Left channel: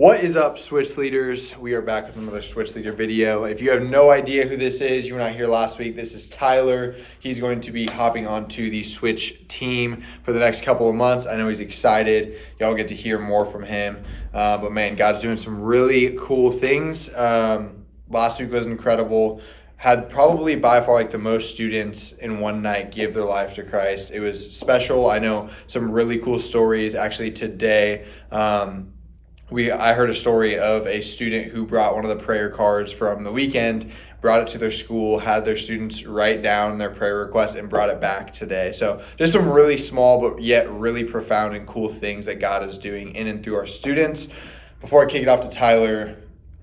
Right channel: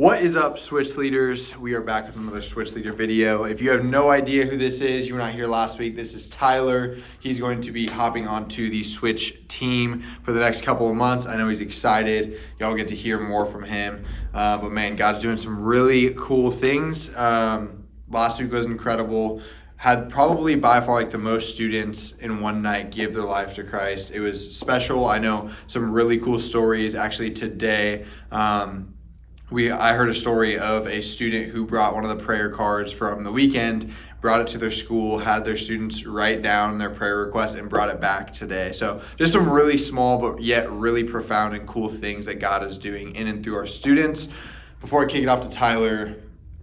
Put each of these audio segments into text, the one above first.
What is up, Switch Leaders? We are back with another Switch Leader video. If you have no idea who this is, you were not here last week, this is Tyler. He's going to be hopping onto the Switch team for the next couple of months. I know he's excited. Y'all get to hear more from him. But man, God's doing some really cool things. Last week was incredible. Had probably by far like the most students in one night give their life to Christ. It was special. I know some really cool stories. Actually today, I heard a story of a student who brought one of the prayer cards from the weekend, brought it to their school, had their students write down their prayer request and brought it back today. So just some really small but yet really profound and cool things that God is doing in and through our students. Before I kick it off to Tyler,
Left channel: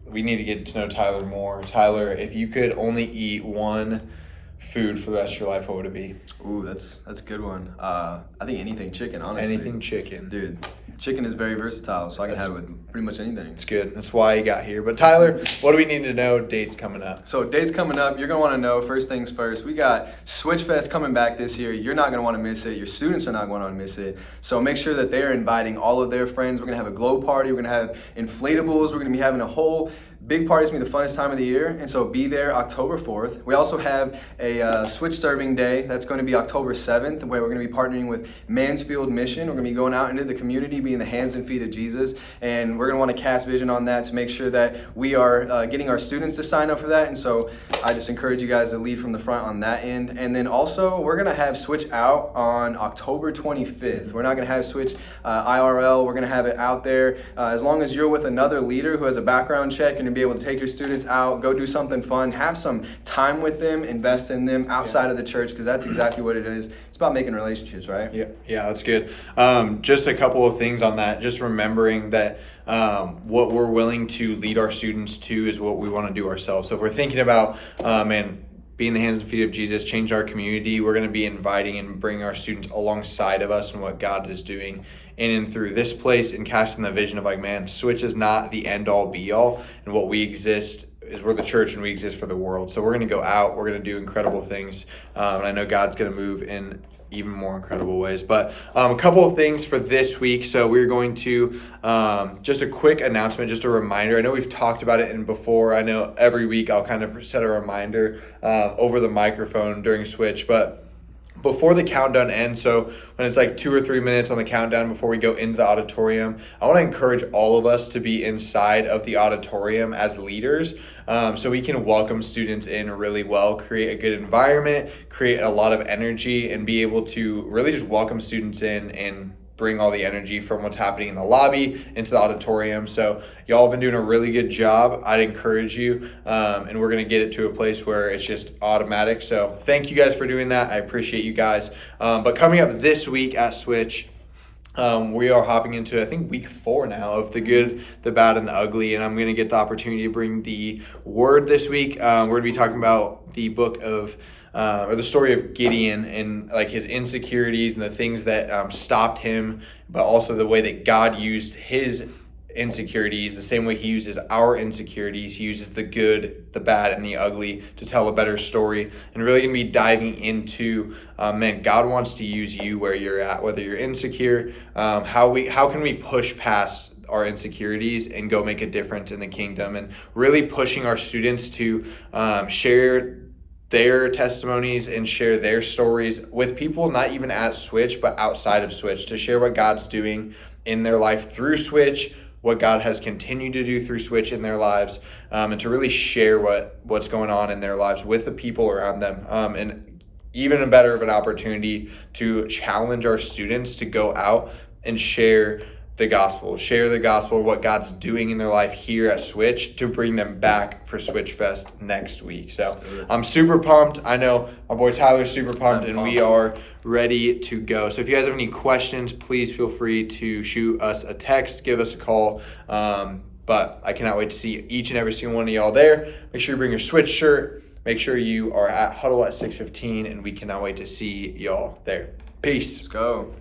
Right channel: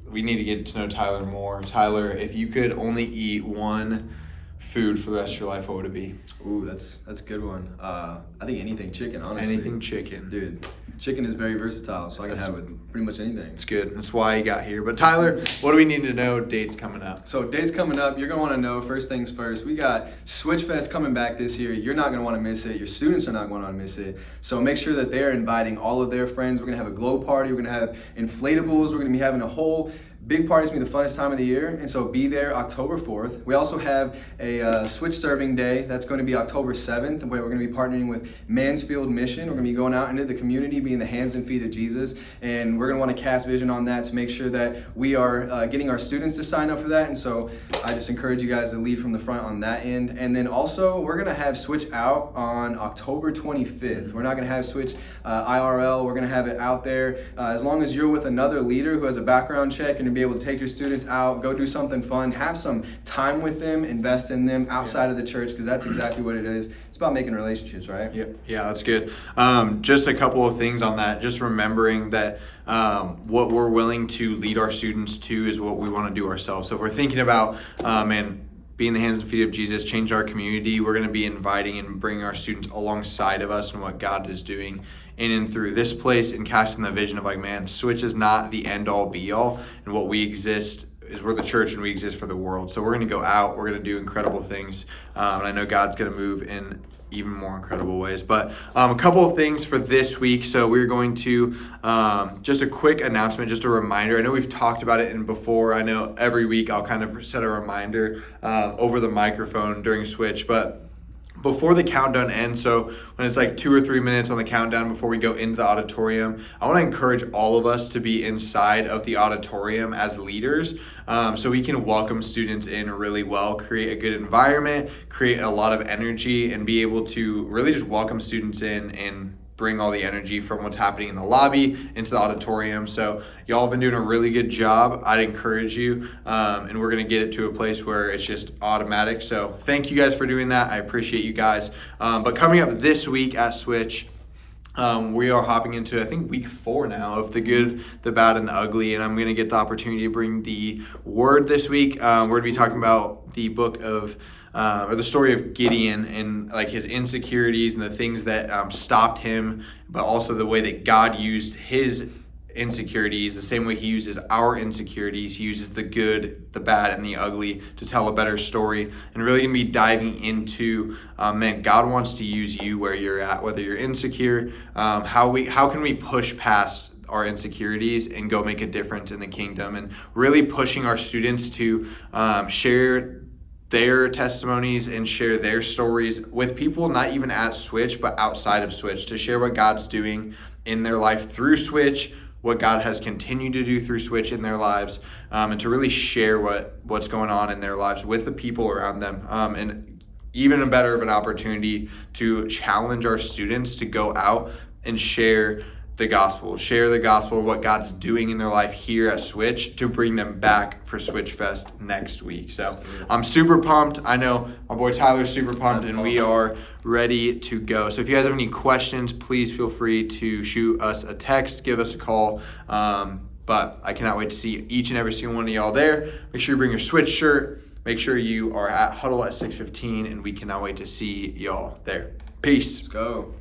we need to get to know Tyler more. Tyler, if you could only eat one food for the rest of your life, what would it be? Ooh, that's a good one. I think anything chicken, honestly. Anything chicken. Dude, chicken is very versatile, so I can have it with pretty much anything. It's good. That's why you got here. But Tyler, what do we need to know? Dates coming up. So dates coming up, you're going to want to know, first things first, we got Switch Fest coming back this year. You're not going to want to miss it. Your students are not going to want to miss it. So make sure that they're inviting all of their friends. We're going to have a glow party. We're going to have inflatables. We're going to be having a whole big party. Is going to be the funnest time of the year, and so be there October 4th. We also have a Switch Serving Day. That's going to be October 7th, where we're going to be partnering with Mansfield Mission. We're going to be going out into the community, being the hands and feet of Jesus, and we're going to want to cast vision on that to make sure that we are getting our students to sign up for that. And so I just encourage you guys to lead from the front on that end. And then also, we're going to have Switch out on October 25th. We're not going to have Switch IRL. We're going to have it out there. As long as you're with another leader who has a background check and be able to take your students out, go do something fun, have some time with them, invest in them outside of the church, because that's exactly what it is. It's about making relationships, right? Yeah, that's good. Just a couple of things on that. Just remembering that what we're willing to lead our students to is what we want to do ourselves. So if we're thinking about, being the hands and feet of Jesus, change our community, we're going to be inviting and bringing our students alongside of us and what God is doing in and through this place, and casting the vision of like, man, Switch is not the end all be all, and what we exist is we're the church and we exist for the world. So we're going to go out, we're going to do incredible things, and I know God's going to move in even more incredible ways. But a couple of things for this week. So we're going to just a quick announcement, just a reminder. I know we've talked about it before. I know every week I'll kind of set a reminder over the microphone during Switch, but before the countdown ends, so when it's like 2 or 3 minutes on the countdown before we go into the auditorium, I want to encourage all of us to be inside of the auditorium as leaders, so we can welcome students in really well, create a good environment, create a lot of energy, and be able to really just welcome students in and bring all the energy from what's happening in the lobby into the auditorium. So y'all have been doing a really good job. I'd encourage you, and we're gonna get it to a place where it's just automatic. So thank you guys for doing that. I appreciate you guys. But coming up this week at Switch, we are hopping into, I think, week 4 now of the good, the bad, and the ugly. And I'm going to get the opportunity to bring the word this week. We're going to be talking about the book of, or the story of Gideon and like his insecurities and the things that stopped him, but also the way that God used his insecurities, the same way he uses our insecurities. He uses the good, the bad, and the ugly to tell a better story. And really gonna be diving into, man, God wants to use you where you're at, whether you're insecure, how can we push past our insecurities and go make a difference in the kingdom, and really pushing our students to share their testimonies and share their stories with people, not even at Switch, but outside of Switch, to share what God's doing in their life through Switch, what God has continued to do through Switch in their lives, and to really share what's going on in their lives with the people around them. And even a better of an opportunity to challenge our students to go out and share the gospel, what God's doing in their life here at Switch, to bring them back for Switch Fest next week. So I'm super pumped. I know my boy Tyler's super pumped, and we are ready to go. So if you guys have any questions, please feel free to shoot us a text, give us a call. But I cannot wait to see each and every single one of y'all there. Make sure you bring your Switch shirt. Make sure you are at Huddle at 6:15, and we cannot wait to see y'all there. Peace. Let's go.